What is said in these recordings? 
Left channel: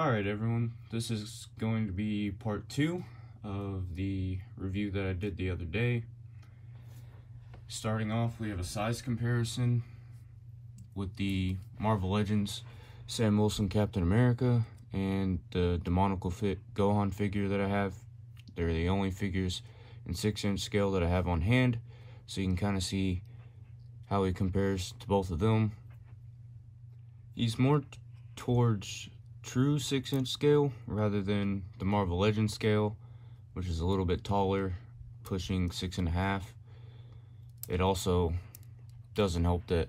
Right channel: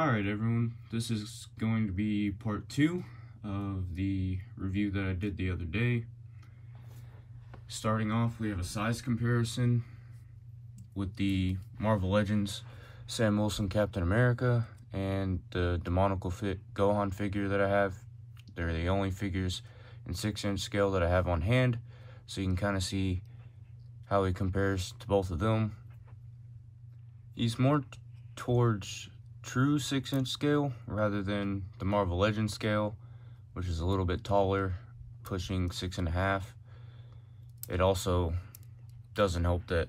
Alright everyone, this is going to be part 2 of the review that I did the other day. Starting off, we have a size comparison with the Marvel Legends Sam Wilson Captain America and the Demonical Fit Gohan figure that I have. They're the only figures in 6-inch scale that I have on hand, so you can kind of see how he compares to both of them. He's more towards true 6-inch scale rather than the Marvel Legends scale, which is a little bit taller, pushing 6.5. It also doesn't help that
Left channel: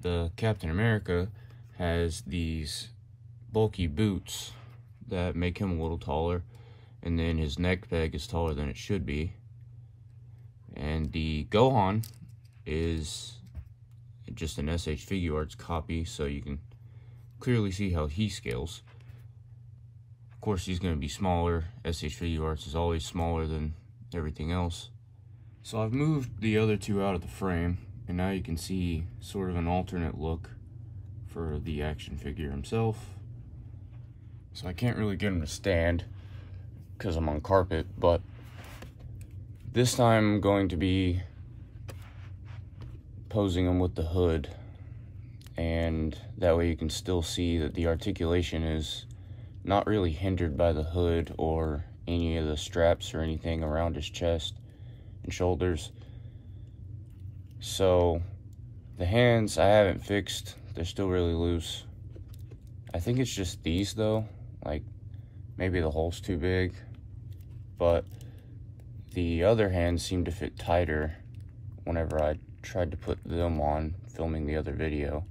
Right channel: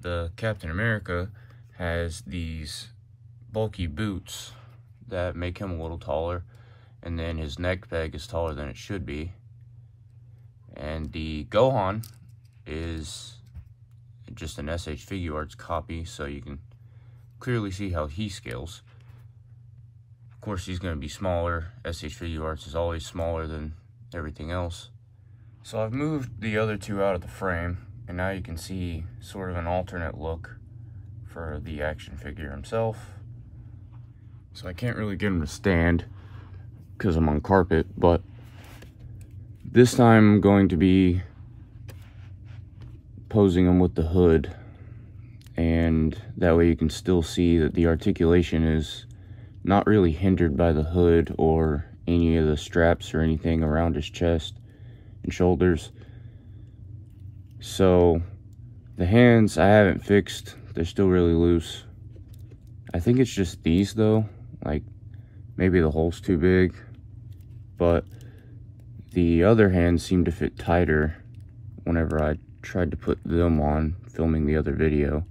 the Captain America has these bulky boots that make him a little taller, and then his neck peg is taller than it should be. And the Gohan is just an SH Figuarts copy, so you can clearly see how he scales. Of course, he's going to be smaller. SH Figuarts is always smaller than everything else. So I've moved the other two out of the frame, and now you can see sort of an alternate look for the action figure himself. So I can't really get him to stand because I'm on carpet, but this time I'm going to be posing him with the hood, and that way you can still see that the articulation is not really hindered by the hood or any of the straps or anything around his chest and shoulders. So the hands I haven't fixed, they're still really loose. I think it's just these though, like maybe the hole's too big, but the other hands seem to fit tighter whenever I tried to put them on filming the other video.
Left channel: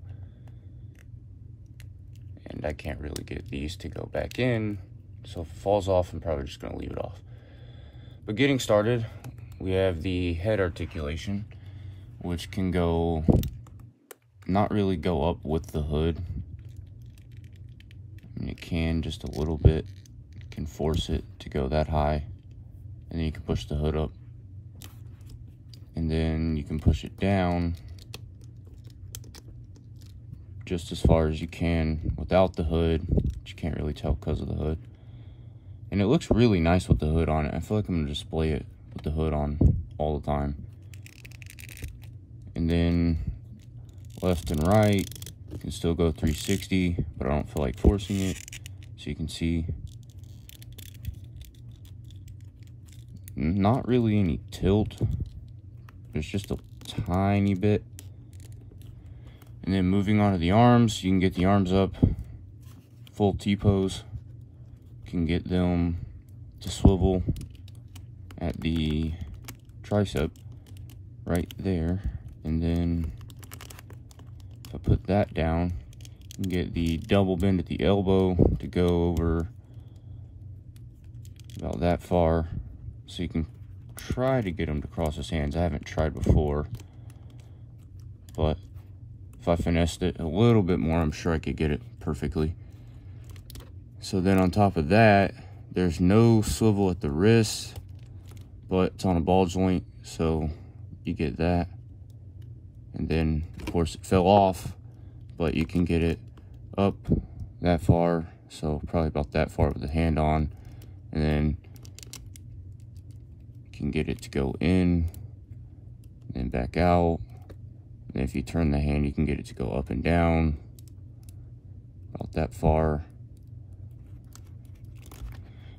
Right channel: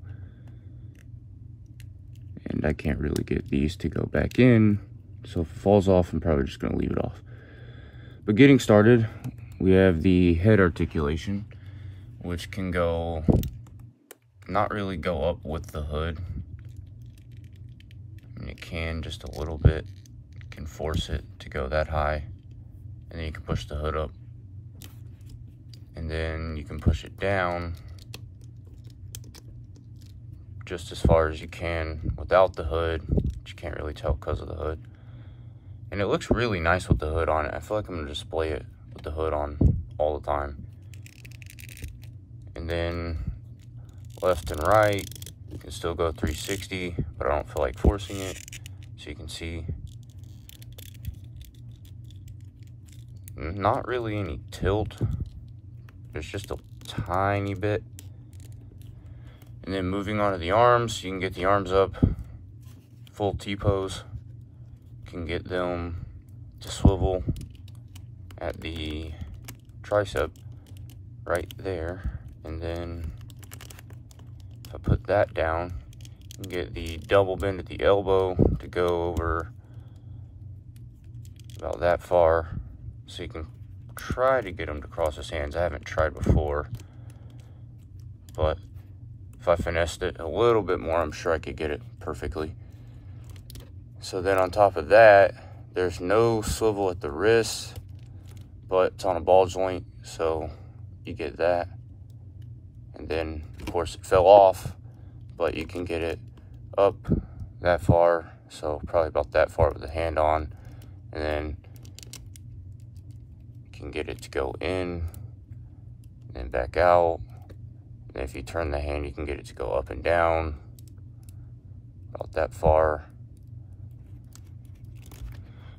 And I can't really get these to go back in, so if it falls off, I'm probably just going to leave it off. But getting started, we have the head articulation, which can go, not really go up with the hood. I mean, it can just a little bit, can force it to go that high, and then you can push the hood up. And then you can push it down just as far as you can without the hood, but you can't really tell because of the hood. And it looks really nice with the hood on it. I feel like I'm going to display it with the hood on all the time. And then left and right, you can still go 360, but I don't feel like forcing it. So you can see not really any tilt. There's just a tiny bit. And then moving on to the arms, you can get the arms up, full T-pose. You can get them to swivel at the tricep right there. And then if I put that down, you can get the double bend at the elbow to go over about that far. So you can try to get him to cross his hands. I haven't tried before, but if I finessed it a little bit more, I'm sure I could get it perfectly. So then on top of that, there's no swivel at the wrist, but it's on a ball joint, so you get that. And then, of course, it fell off, but you can get it up that far, so probably about that far with the hand on. And then you can get it to go in, and then back out. And if you turn the hand, you can get it to go up and down about that far.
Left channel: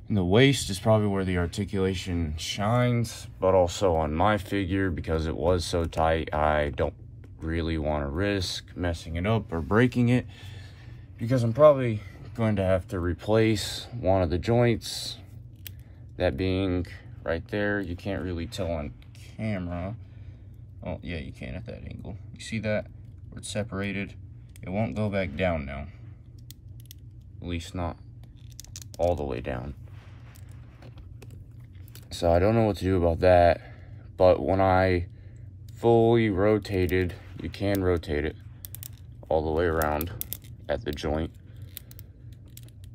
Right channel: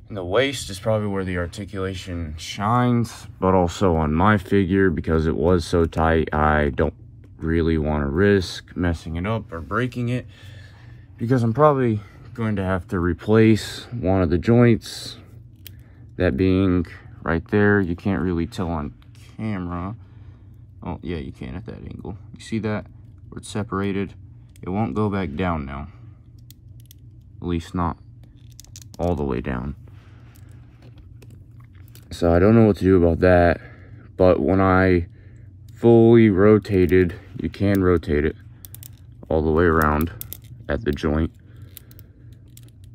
And the waist is probably where the articulation shines, but also on my figure, because it was so tight, I don't really want to risk messing it up or breaking it, because I'm probably going to have to replace one of the joints, that being right there. You can't really tell on camera. Oh, yeah, you can at that angle. You see that? Where it's separated? It won't go back down now. At least not all the way down. So I don't know what to do about that. But when I fully rotated, you can rotate it all the way around at the joint.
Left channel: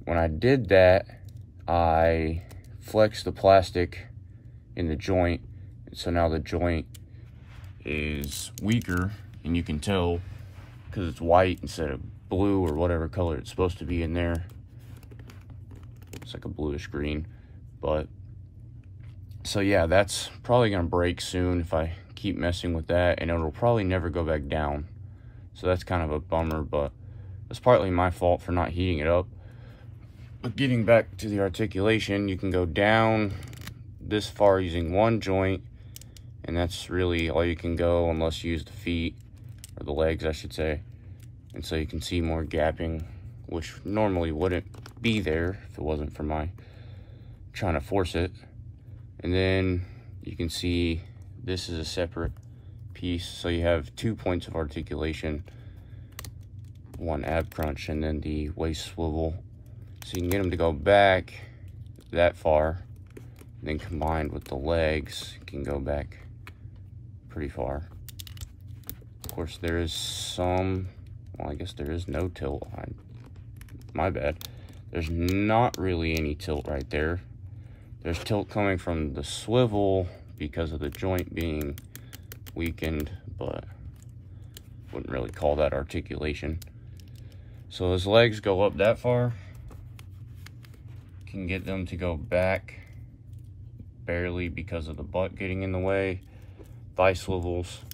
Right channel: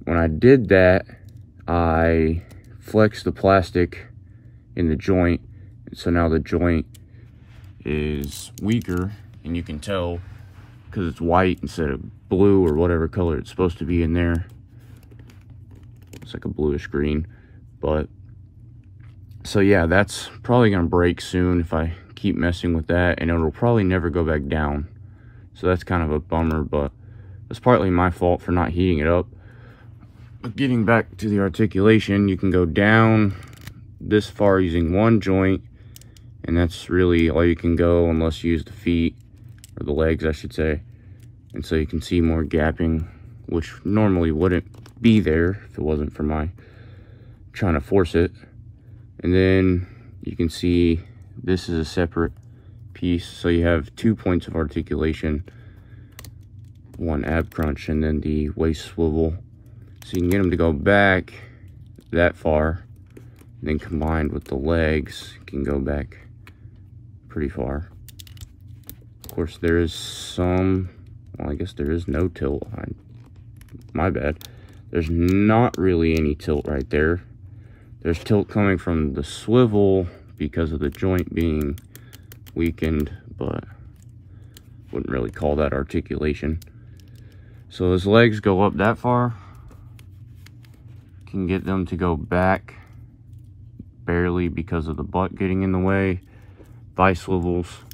When I did that, I flexed the plastic in the joint. So now the joint is weaker, and you can tell because it's white instead of blue or whatever color it's supposed to be in there. It's like a bluish green. But so yeah, that's probably gonna break soon if I keep messing with that, and it'll probably never go back down. So that's kind of a bummer, but it's partly my fault for not heating it up. But getting back to the articulation, you can go down this far using one joint, and that's really all you can go unless you use the feet, or the legs I should say. And so you can see more gapping, which normally wouldn't be there if it wasn't for my trying to force it. And then you can see this is a separate piece, so you have 2 points of articulation, one ab crunch and then the waist swivel. So you can get them to go back that far, and then combined with the legs, you can go back pretty far. Of course, there is some, well, I guess there is no tilt. My bad. There's not really any tilt right there. There's tilt coming from the swivel because of the joint being weakened, but wouldn't really call that articulation. So his legs go up that far. Can get them to go back barely because of the butt getting in the way. Thigh swivels,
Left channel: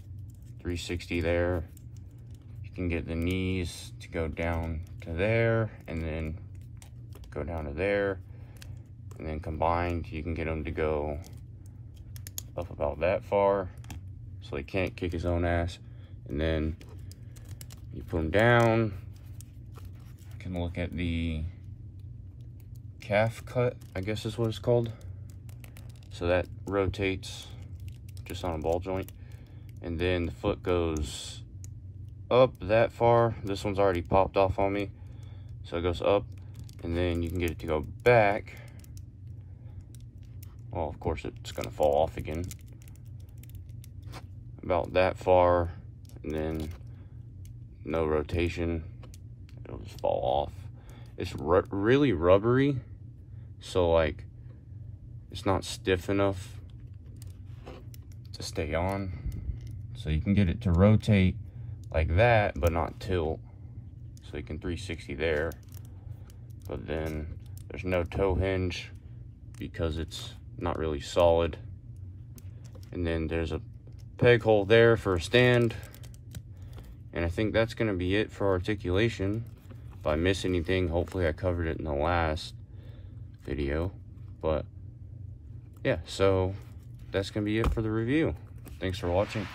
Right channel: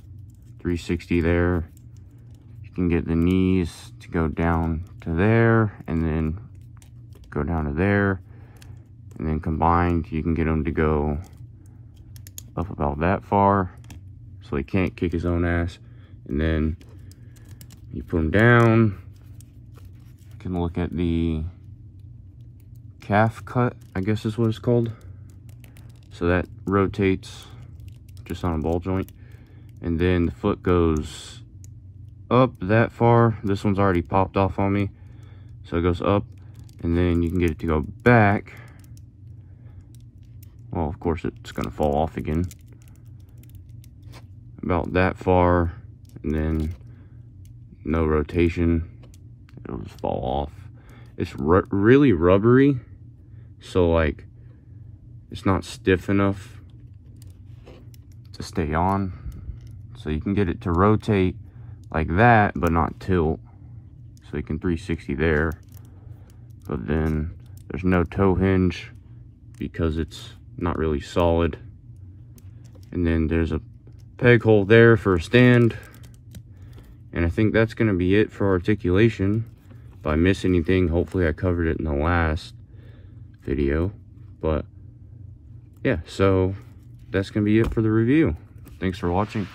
360 there. You can get the knees to go down to there, and then go down to there, and then combined you can get them to go up about that far, so he can't kick his own ass. And then you put him down. You can look at the calf cut, I guess is what it's called. So that rotates just on a ball joint, and then the foot goes up that far. This one's already popped off on me, so it goes up, and then you can get it to go back. Well, of course it's gonna fall off again about that far, and then no rotation, it'll just fall off. It's really rubbery, so like it's not stiff enough to stay on. So you can get it to rotate like that, but not tilt. So you can 360 there, but then there's no toe hinge because it's not really solid. And then there's a peg hole there for a stand. And I think that's gonna be it for articulation. If I miss anything, hopefully I covered it in the last video. But yeah, so that's gonna be it for the review. Thanks for watching.